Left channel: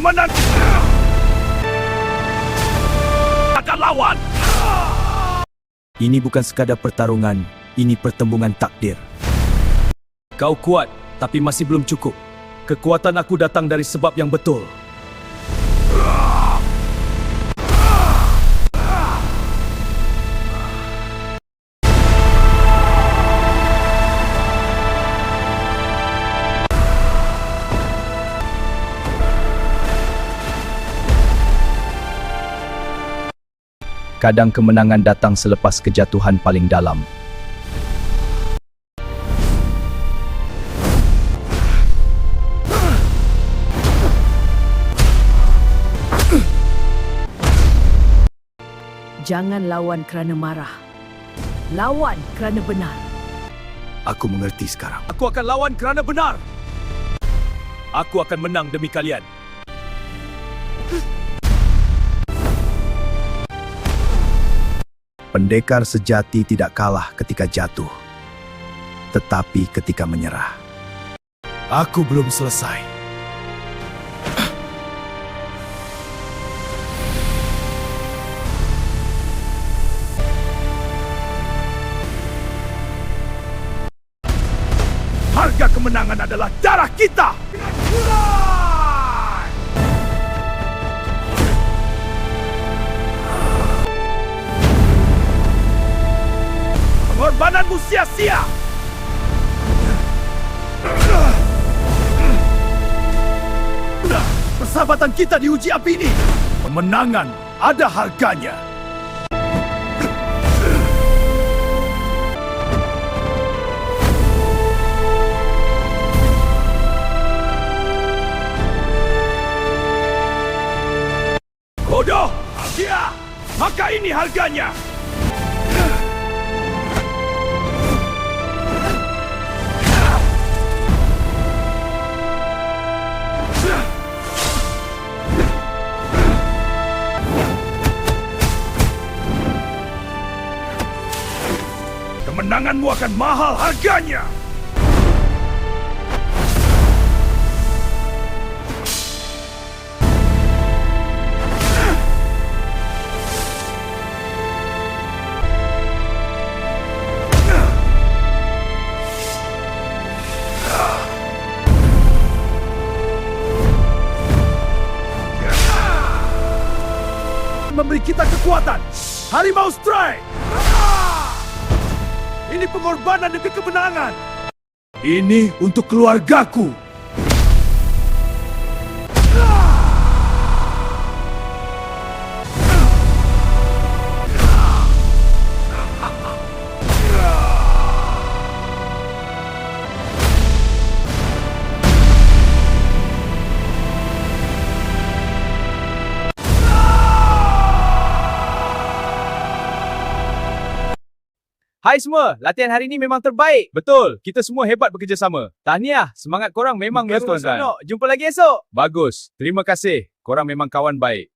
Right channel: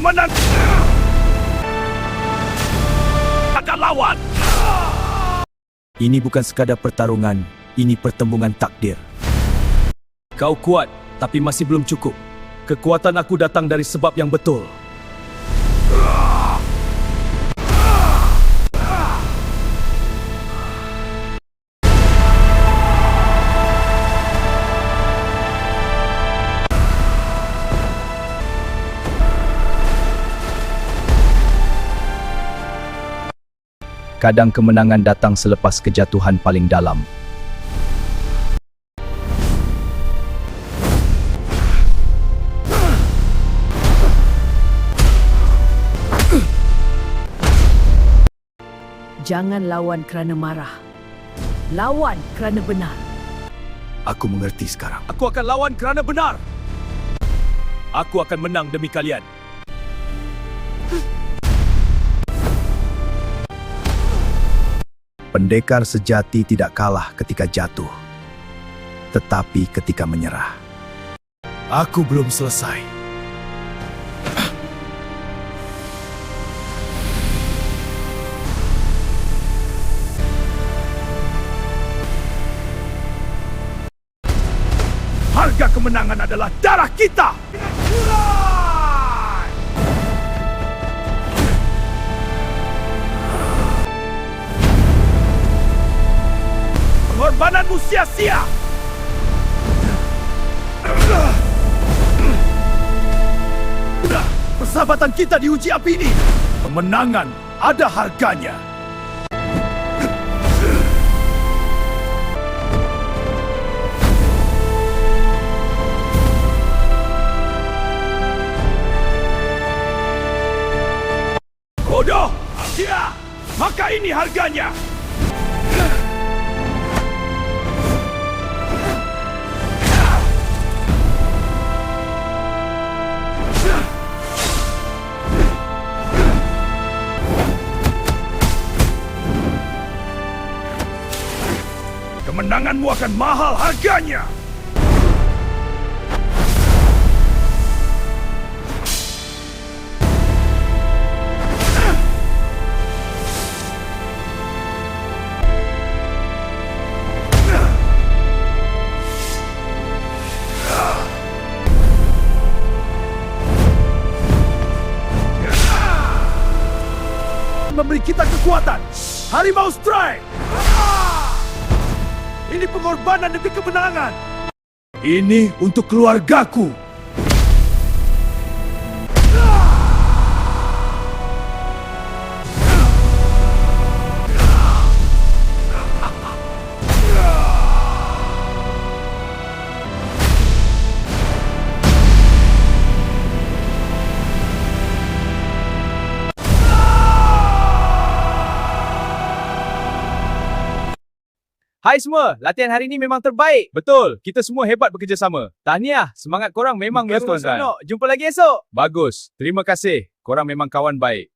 Kemenangan akan lawan. Ini bukan sekadar pertarungan, ini pertembungan takdir. Kau kuat, tapi masih belum cukup. Kekuatan aku datang dari sebab yang betul. Kadang kemenangan datang selepas kejatuhan paling dalam. Jangan lawan kerana marah. Lawan kerana benar. Aku mengerti sekarang. Aku akan lawan kerana benar. Aku akan menang demi kalian. Pendekar sejati tidak kalah ketika jatuh, tetapi ketika menyerah. Aku belum selesai. Harga kemenangan adalah darah kita. Pengorbananmu sia-sia. Persahabatan kita diuji api ini. Kemenangan ada harganya. Bodoh! Sia! Maka ini harganya! Kemenanganmu akan mahal harganya! Memberi kita kekuatan. Harimau Strike. Ini pengorbanan demi kemenangan. Ini untuk keluargaku. Hai semua, latihan hari ini memang terbaik. Betul, kita semua hebat bekerjasama. Tahniah, semangat korang memang Baru melontarkan. senok. Jumpa lagi esok. Bagus, terima kasih. Korang memang kawan baik.